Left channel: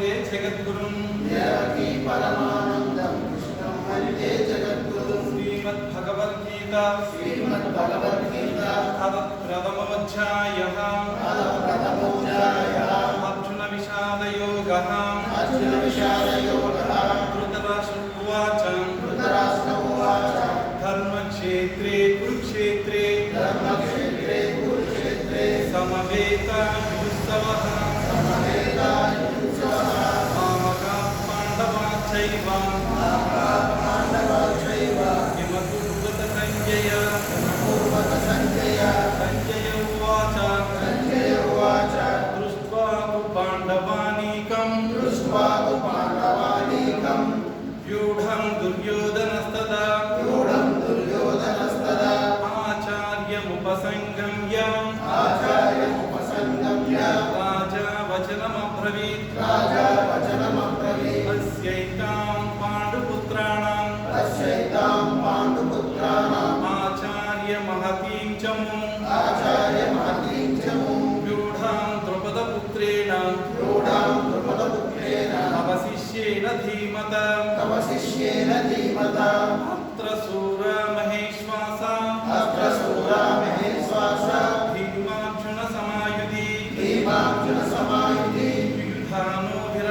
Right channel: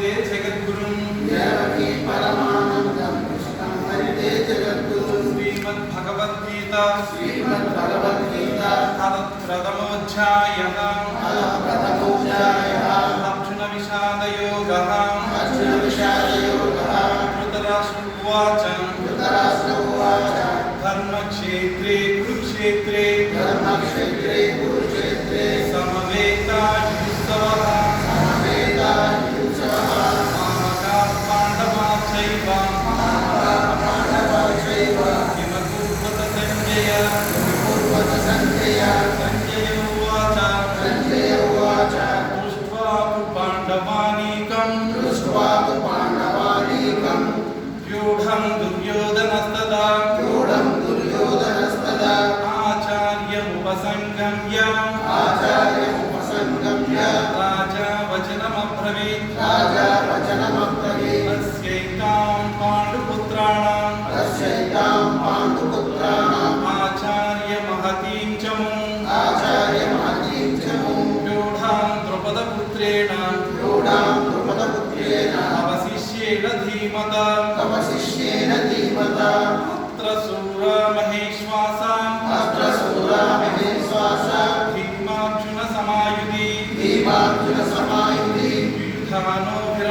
వందే జగద్గురుం. దేవకీ పరమానందం. వందే జగద్గురుం. శ్రీమద్ భగవద్గీత శ్రీమద్ భగవద్గీత అథ ప్రథమోధ్యాయ. ప్రథమ दुर्योधनस्तदा गूढं दुर्योधनस्तदा आचार्यमुपसङ्गम्य आचार्यमुपसङ्गम्य राजा वचनमब्रवीत् राजा वचनमब्रवीत् तस्यैतां पाण्डुपुत्राणां तस्यैतां पाण्डुपुत्राणाम् आचार्यमहतीं च मुम् आचार्यमहतीं च मुं व्यूढां द्रुपदपुत्रेण रूढां द्रुपदपुत्रेण अवशिष्येण धीमत तव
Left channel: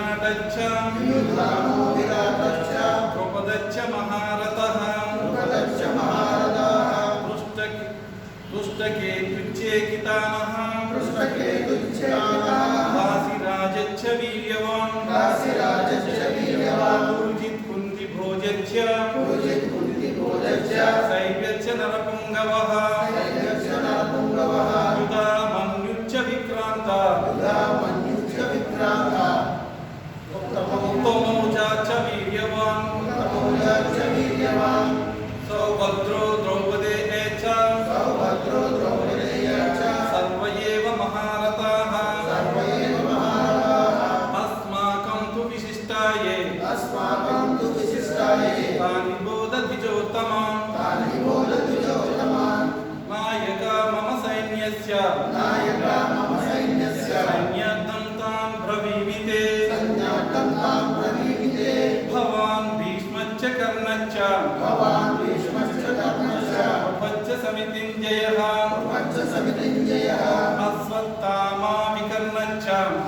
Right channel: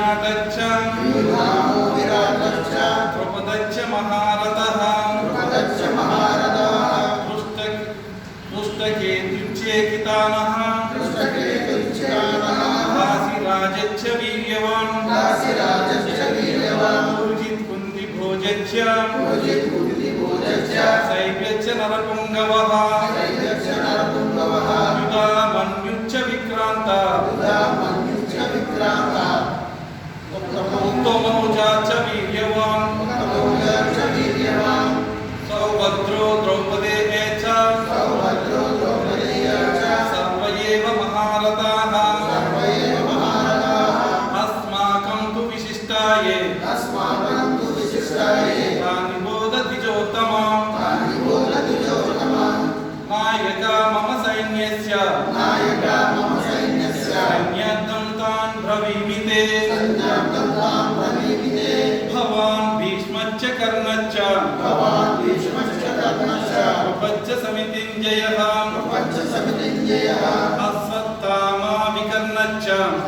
विराटच्च युधामो विराटच्च प्रपदच्च महारथः प्रपदच्च महारथः पृष्ठक पृष्ठके तुच्छेकितानः पृष्ठके तुच्छेकितानः काशीराजच्च वीर्यवान्। काशीराजच्च वीर्यवान् पूजित कुन्ति भोजच्च पूजित कुन्ति भोजच्च शैव्यच्च नरपुङ्गवः। समितिञ्जयः पञ्चसमितिञ्जयः अश्वत्थामा विकर्णच्च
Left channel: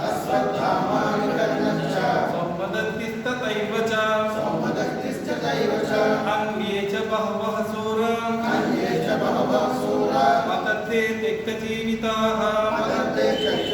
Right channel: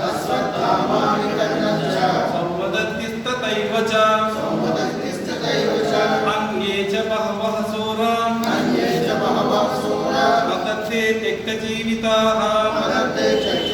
अश्वत्थामाविकर्णश्च सौवदत्तिस्तथैव च सौमदत्तिस्तथैव च अन्ये च बहवः सूरा अन्ये च बहवः सूरा मतथे त्यक्तजीविताः